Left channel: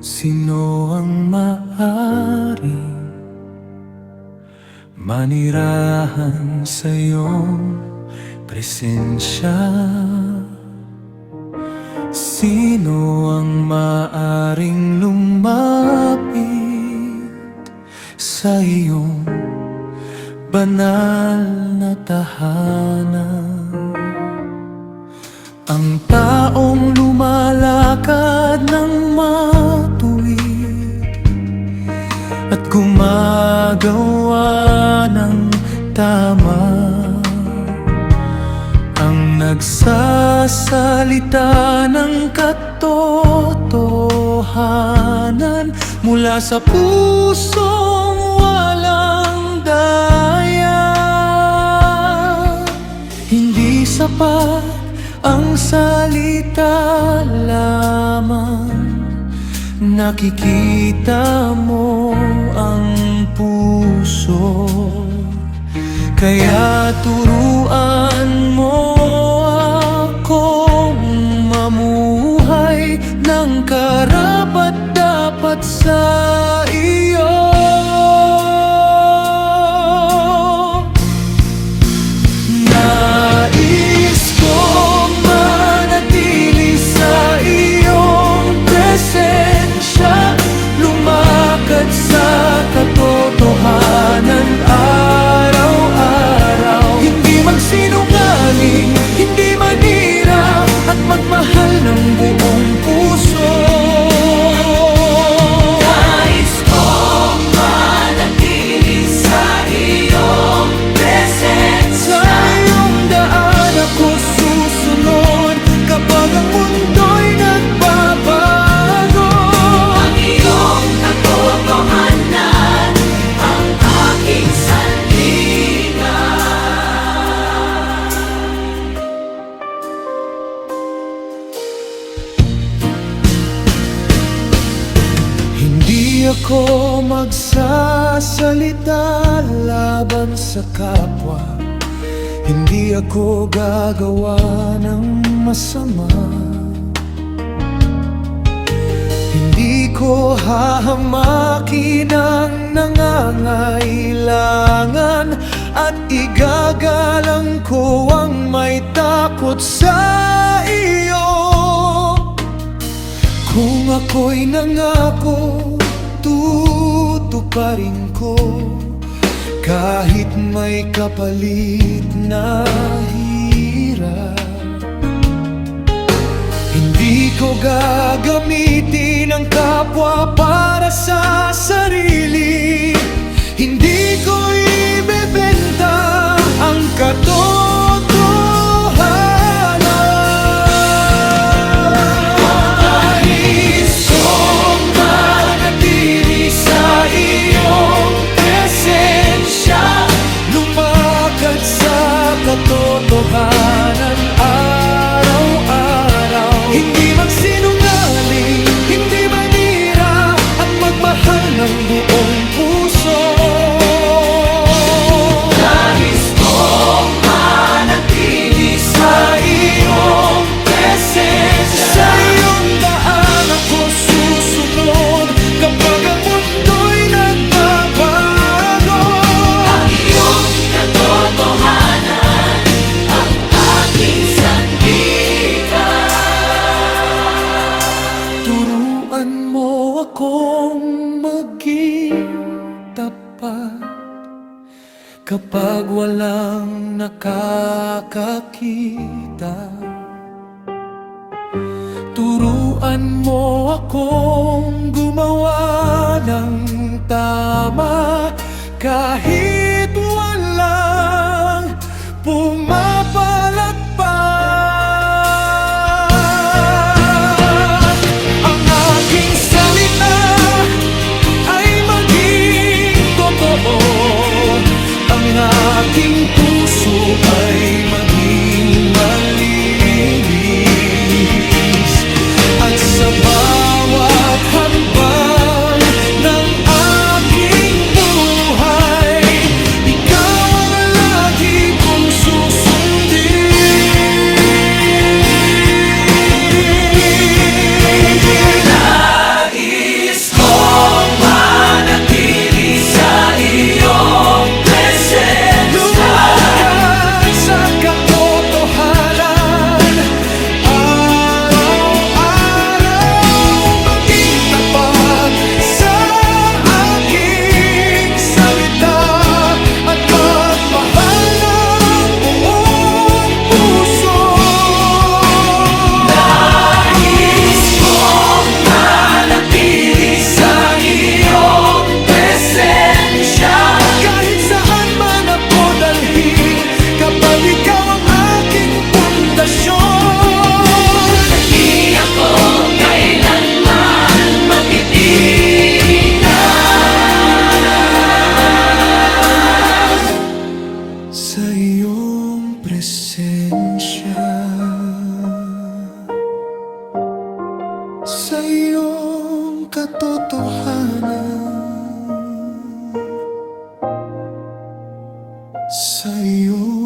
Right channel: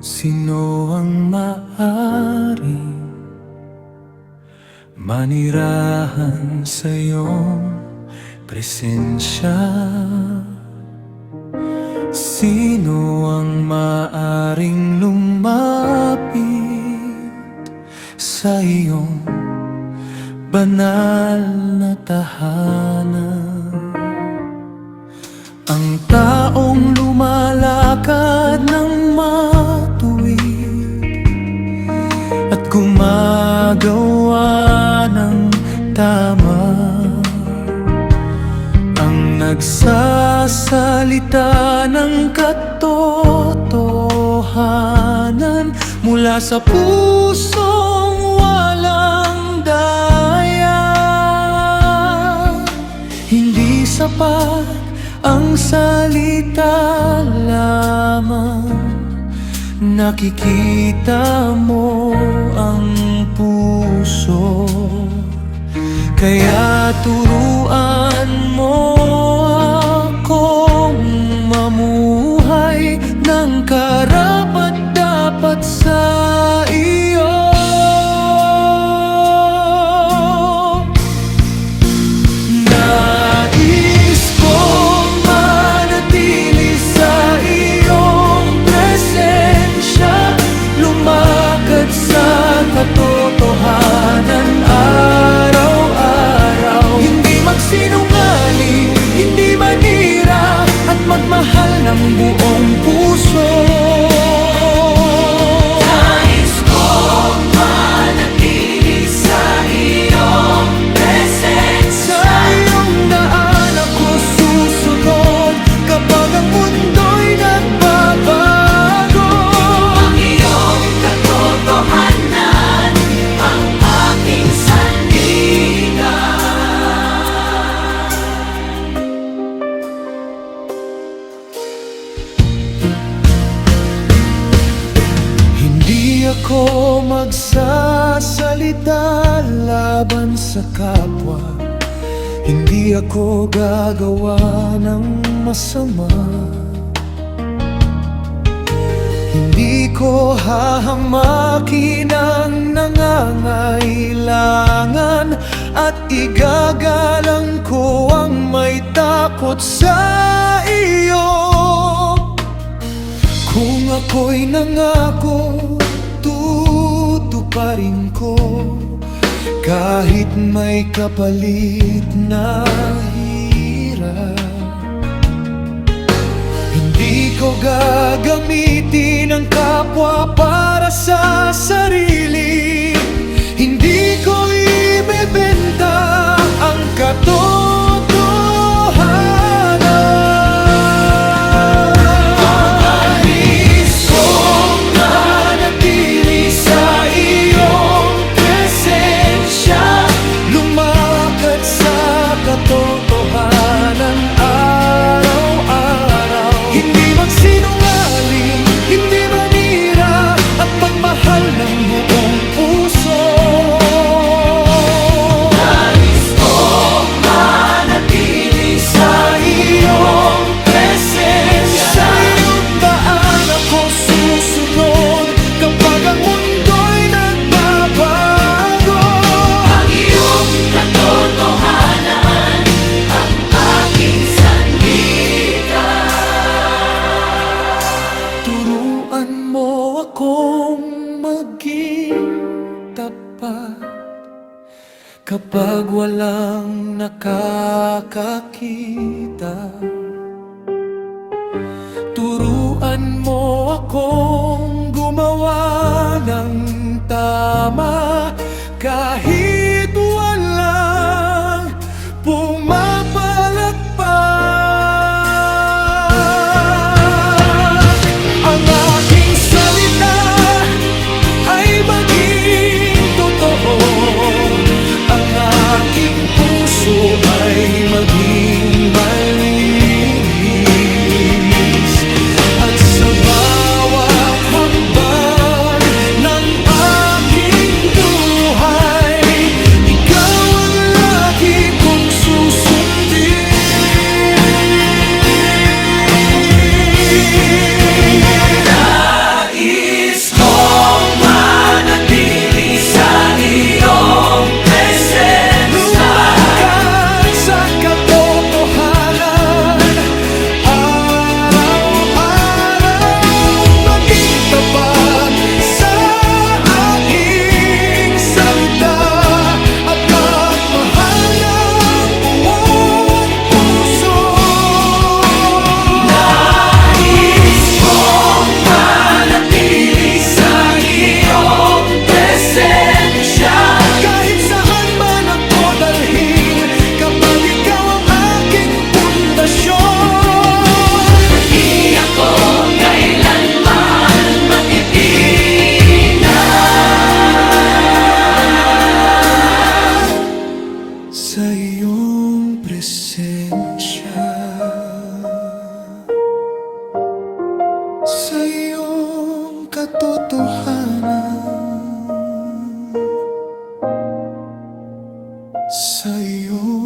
Sino ang maaring manirahan sa iyong presensya? Sino ang maaring lumapit sa iyong banal na tahanan? Ang taong lumalakad ng matuwid at gumagawa ng tama, ang nagsasalita ng katotohanan mula sa pusong walang daya. Hindi sapat ang salita lamang, nakikita mo ang puso. Kaya turuan mo akong mamuhay ng karapat-dapat sa iyo. Sa katotohanan araw-araw, hindi magsinungaling, hindi manira, at magmahal ng buong puso. Nais kong manatili sa iyong presensya. Sa iyong daan ako susunod kapag ang mundo'y nagbabago. Hindi ako magsasalita laban sa kapwa, hindi ako gagawa ng masama. Hindi ko hahamakin ang nangangailangan, at igagalang ko ang may takot sa iyo. Kung ako'y nangako, tutuparin ko, kahit may kapalit na hirap. Hindi ko gagamitin ang kapwa para sa sarili, hindi ko ibebenta ang katotohanan. Nais kong manatili sa iyong presensya, lumakad sa katotohanan araw-araw. Hindi magsinungaling, hindi manira, at magmahal ng buong puso. Nais kong manatili sa iyong presensya. Sa iyong daan ako susunod kapag ang mundo'y nagbabago. Ang iyong katotohanan ang aking sandigan. Turuan mo akong maging tapat kapag walang nakakakita. Turuan mo akong gumawa ng tama kahit walang pumapalakpak. Ang aking salita ay maging totoo, ang aking puso ay maging malinis, at sa bawat hakbang ng aking buhay, ikaw ang lagi kong susundin. Nais kapag ikaw ang aking pundasyon. Di ako kailanman matitinag Sa iyong presensya, sa iyong katotohanan, sa iyong